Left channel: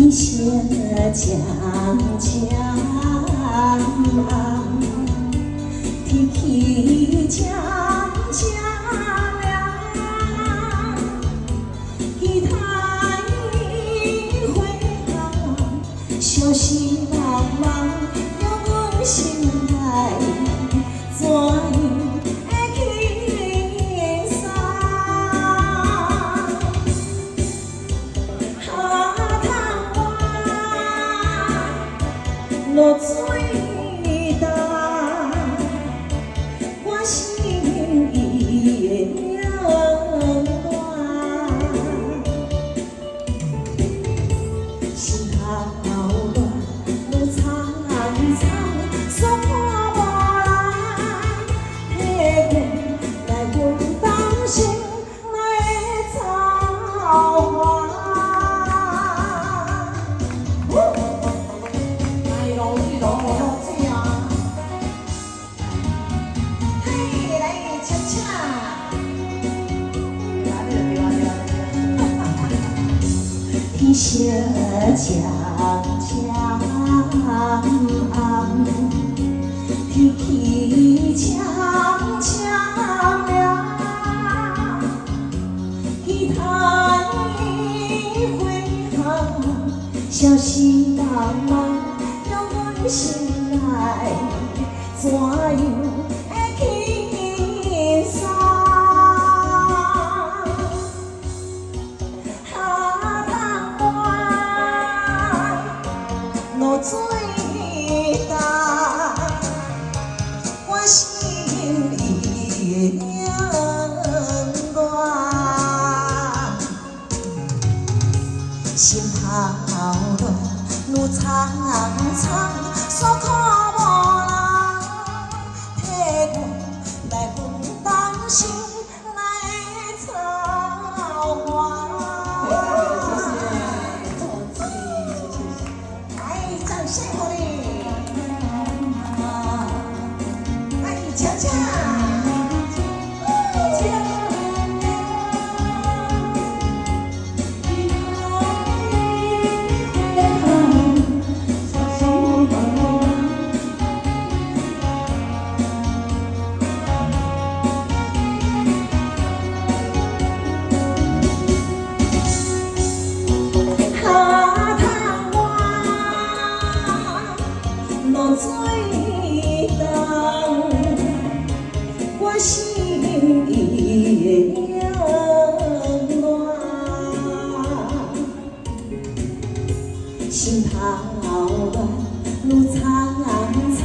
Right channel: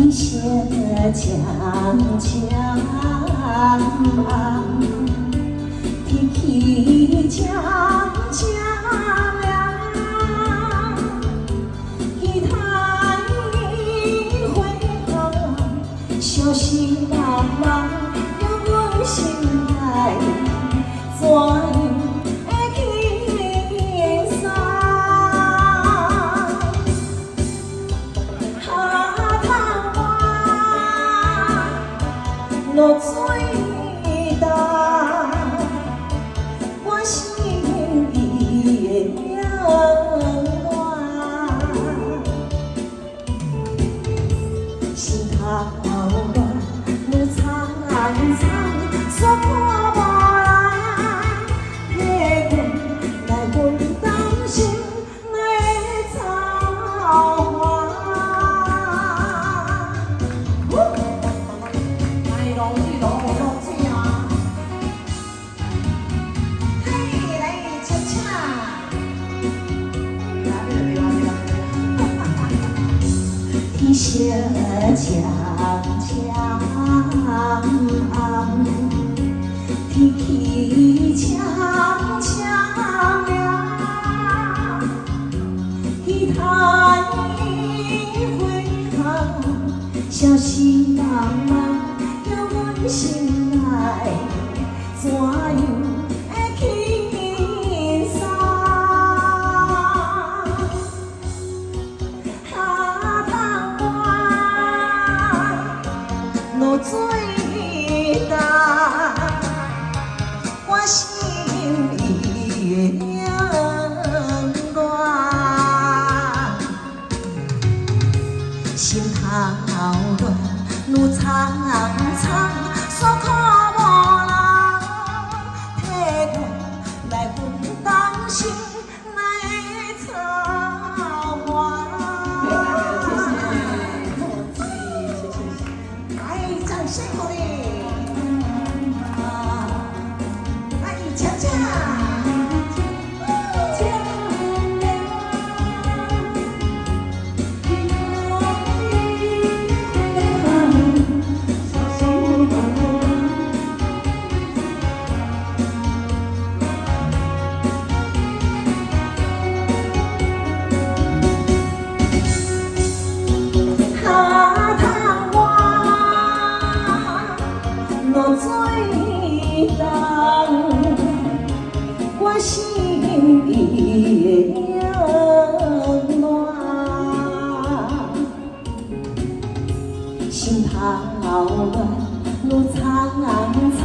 一些江江，天气江江凉，一叹一回头，小心茫茫有阮心内，怎会去散？落水重，我心已冷暖，心头乱，路苍苍，所看无人替阮来分担心内的操烦。一些江江，天气江江凉，一叹一回头，小心茫茫有阮心内，怎样会去散？落水重，我心已冷暖，心头乱，路苍苍，所看无人替阮来分担心内的操烦。辛苦你，爱你恰恰。落水重，我心已冷暖，心头乱，路苍苍。